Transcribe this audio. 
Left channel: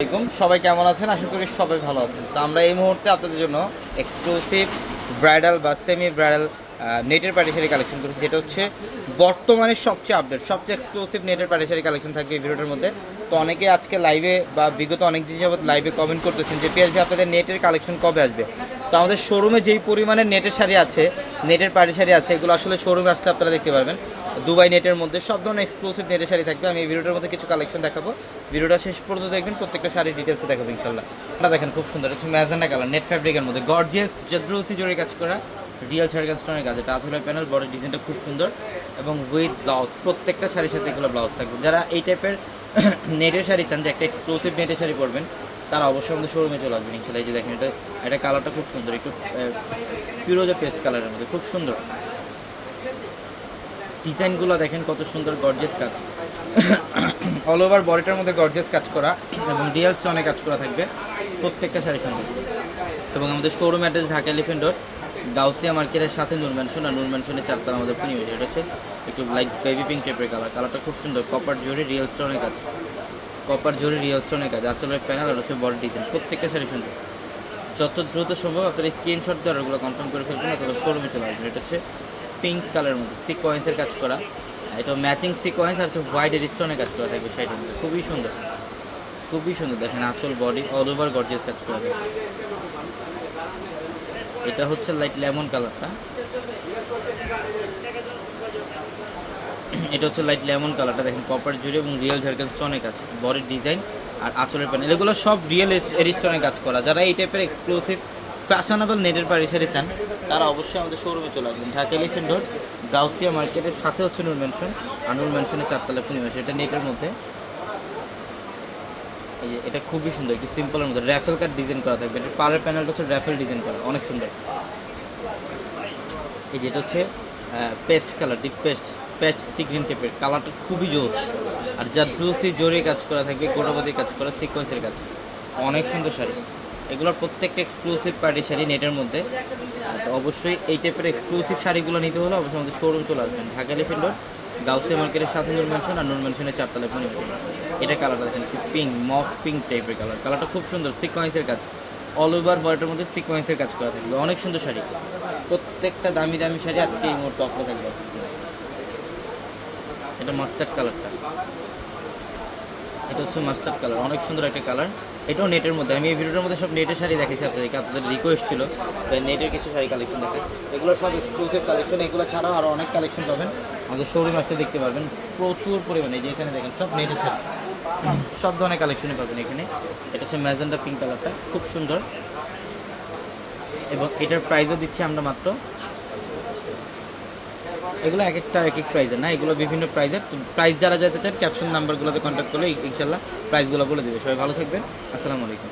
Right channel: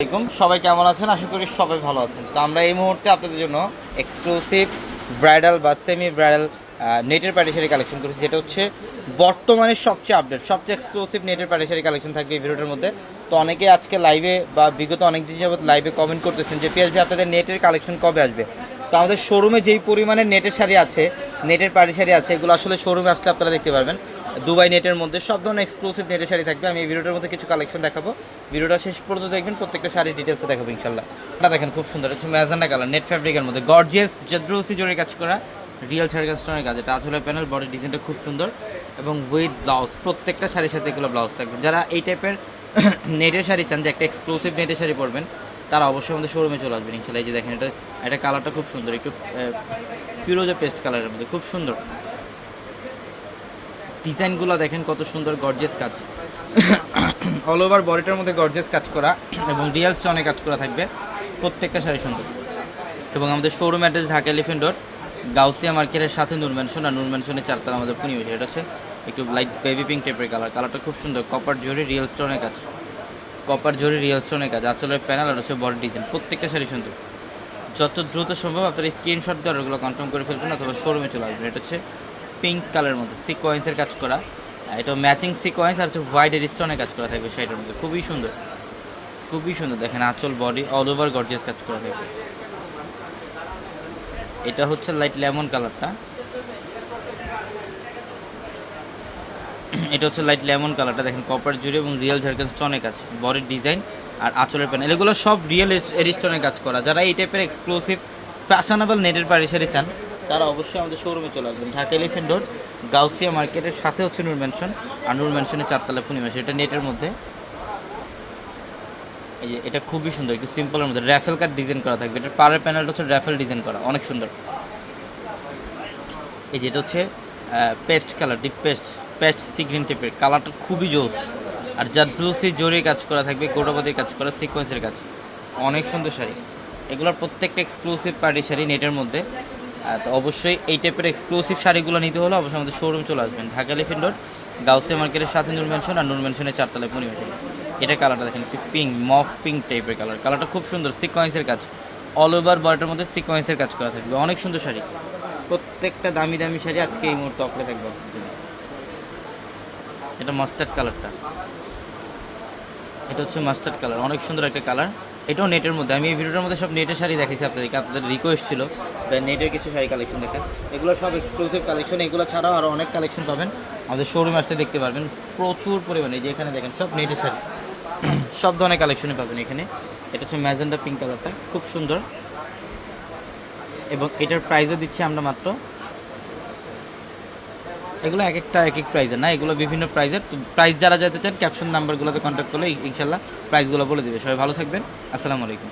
আলাইকুম। সবাই কেমন আছেন? আশা করি সবাই ভালো আছেন। তো আমরা এই মুহূর্তে আপনাদের জন্য এক্সক্লুসিভ ব্রাইডাল বা সেমি ব্রাইডাল নেটের প্যাটিসারি কালেকশন করেছি। যেটা হচ্ছে বর্তমানে সবচেয়ে আপডেট সবচেয়ে এক্সক্লুসিভ নেটের প্যাটিসারি কালেকশন থাকবে এই ভিডিওটার মধ্যে। তো অনেকে আজকে লাইভে বা বিগত অনেক দিন যাবত লাইভে কমেন্ট করতেছেন যে পিএসভি আপনাদের নেটের কালেকশন কবে আসবে? তো আমাদের শোরুমে যেই পরিমাণে নেটের শাড়ি আছে, নেটের শাড়ি আছে, এগুলো আসলে শোরুমে আসলে আপনারা দেখতে পারবেন। দুবাই নেটের মধ্যে সব ধরনের এক্সক্লুসিভ নেটের শাড়ি থাকবে। আমি এই ভিডিওটার মধ্যে কিছু কালেকশন দেখাবো। ভিডিওটা শেষ পর্যন্ত দেখবেন, প্রত্যেকটা শাড়ির ডিটেলসে দেখাবো ইনশাল্লাহ দেখেন খুব সুন্দর হচ্ছে ম্যাজান্ডা কালার, নেট ফ্যাব্রিকের মধ্যে। গর্জিয়াস জদ্রুসি জোরে কাজ করা রিয়েল শাড়ি স্টোনের কাজ। এটা আসলে প্যানেল বডি ডিজাইনটা খুব সুন্দর। এবং উইথ ব্লাউজ প্রত্যেকটা শাড়ির সাথে এগুলো ব্লাউজ থাকবে। যারা এই টাইপের নেটের শাড়ি চান, যে একটা এক্সক্লুসিভ নেটের শাড়ি পরবেন, তারা অবশ্যই আমাদের শোরুমে চলে আসবেন ইনশাল্লাহ এই যে দেখেন, এটা এটা কালারটা খুব সুন্দর, একটু ফিরোজা পেস্ট কালারের মধ্যে, খুব সুন্দর। ডিজাইনগুলো দেখেন কত সুন্দর গর্জেস কাজ। অল ওভার বডিটার মধ্যে গর্জেস কাজ করা এবং রিয়েল স্টোনে কাজ করা থাকবে প্রত্যেকটা শাড়ি সুন্দর এবং আমাদের showroom address Dhaka elephant road Gausia মার্কেটের সাথে নূর ম্যানশন আর নূর ম্যানশনের চারতলা আমাদের পরিবেশ এটা হচ্ছে একটু লাইট বেবি পিঙ্ক টাইপের কালার কালারটা খুব সুন্দর কপার জুড়ে রিয়েল স্টোনের কাজ। কপার জুড়ে রিয়েল স্টোনের কাজ। আসলে প্যানেল আর হচ্ছে বডি ডিজাইন প্রত্যেকটা শাড়ি সুন্দর যত দ্রুত সম্ভব আপনারা স্ক্রিনশট দিয়ে ওগুলো কনফার্ম করে ফেলবেন অথবা শোরুমে চলে আসবেন। এটা হচ্ছে পিঙ্ক কালারের মধ্যে সিকোয়েন্সের কাজ করা। এটা ম্যাচিং সিকোয়েন্স আর হচ্ছে হোয়াইট স্টোনের কাজ করা থাকবে শাড়িটার মধ্যে। খুবই সুন্দর। খুবই সুন্দর। দেখেন আঁচল বডি অল ওভার গর্জিয়াস কাজ করা থাকবে এটা হচ্ছে লাইট লেমন কালারটা এটা হচ্ছে লাইট লেমন কালারটা দেখেন কপার জুড়ে এবং রিয়েল ঝাড়খান স্টোনের কাজ বডির ডিজাইন আর আঁচলের প্যানেল এগুলো সব রিয়েল স্টোনের কাজ করা। যারা এই টাইপের এক্সক্লুসিভ ফ্যাশনেবল নেটের পারিসারি চান তারা অবশ্যই আমাদের শোরুমে চলে আসবেন। ঢাকা এলিফেন্ট রোড গাউসিয়া মার্কেটের সাথে হচ্ছে নূর ম্যানশন আর নূর ম্যানশনের চারতলা পূর্ণিমাস এটা নেটের মধ্যে। এই যে, এটা খুবই সুন্দর, একটু সিম্পলের মধ্যে। র্যাফেল কাট ডিজাইন করা থাকবে। এটার পাড়ের প্যানেলটা হচ্ছে র্যাফেল ডিজাইন করা, অনেক সুন্দর। এই যে, এটা হচ্ছে paste colour deep paste paste sea green টাইপের কালারটা খুবই জোস। আর যা ব্লুসি জোরে কাজ করা থাকবে গোটাপতি কাজ করা সিকোয়েন্সের কাজ। অনেক সুন্দর শাড়ি। এগুলোর প্রত্যেকটা এক্সক্লুসিভ পার্টি শাড়ি নেটের মধ্যে। তো অবশ্যই এই টাইপের এক্সক্লুসিভ শাড়িগুলো নিতে হলে অবশ্যই আমাদের শোরুম চলে আসবেন। ঢাকা এলিফেন্ট রোড গাউসে মার্কেটের সাথে নূর ম্যানশন আর নূর ম্যানশনের চারতলায় পরিবেশ এটা কালারটা দেখেন পিঙ্ক মফ পিঙ্ক টাইপের কালার কালারটা খুব সুন্দর সিকোয়েন্সের কাজ। অল ওভার বডিটার মধ্যে সিকোয়েন্সের কাজ করা থাকবে। অনেক সুন্দর শাড়ি। প্রত্যেকটা দামি দামি শাড়ি আজকে এই মুহূর্তে অফারে থাকবে এটা মাস্টার্ড কালারটা এটা হচ্ছে মাস্টার্ড কালার অনেক সুন্দর একটা কালার এটাও নেটের মধ্যে। আমি এই ভিডিওটার মধ্যে সব নেটের শাড়ি দেখেছি আপনাদেরকে। আপনাদের রিকোয়েস্ট ছিল নেটের কিছু শাড়ি কালেকশন দেখে এগুলো সব এক্সক্লুসিভ কালেকশন এগুলো ছাড়াও আরও অনেক কালেকশন পাবেন। আমাদের শোরুম আসতে দেখতে পারবেন। প্রচুর পরিমাণে যে এখানে দেখেন, সব নেটের শাড়ি। সব ধরনের কালেকশনই পাবেন এখানে। এটা হচ্ছে ম্যাজেন্ডা পিঙ্ক কালারটা খুব সুন্দর। এবং এটার প্রাইসও দিচ্ছি আমরা মাত্র এগুলো এক একটা এক এক প্রাইজের না? এগুলো বিভিন্ন প্রাইজের প্রাইস যারা যেতে চান ক্যাপশন নাম্বারগুলোতে কন্ট্যাক্ট করলে ইনশাল্লাহ প্রাইসগুলো বলে দেবে। সবাই ভালো থাকবেন। আসসালামু আলাইকুম।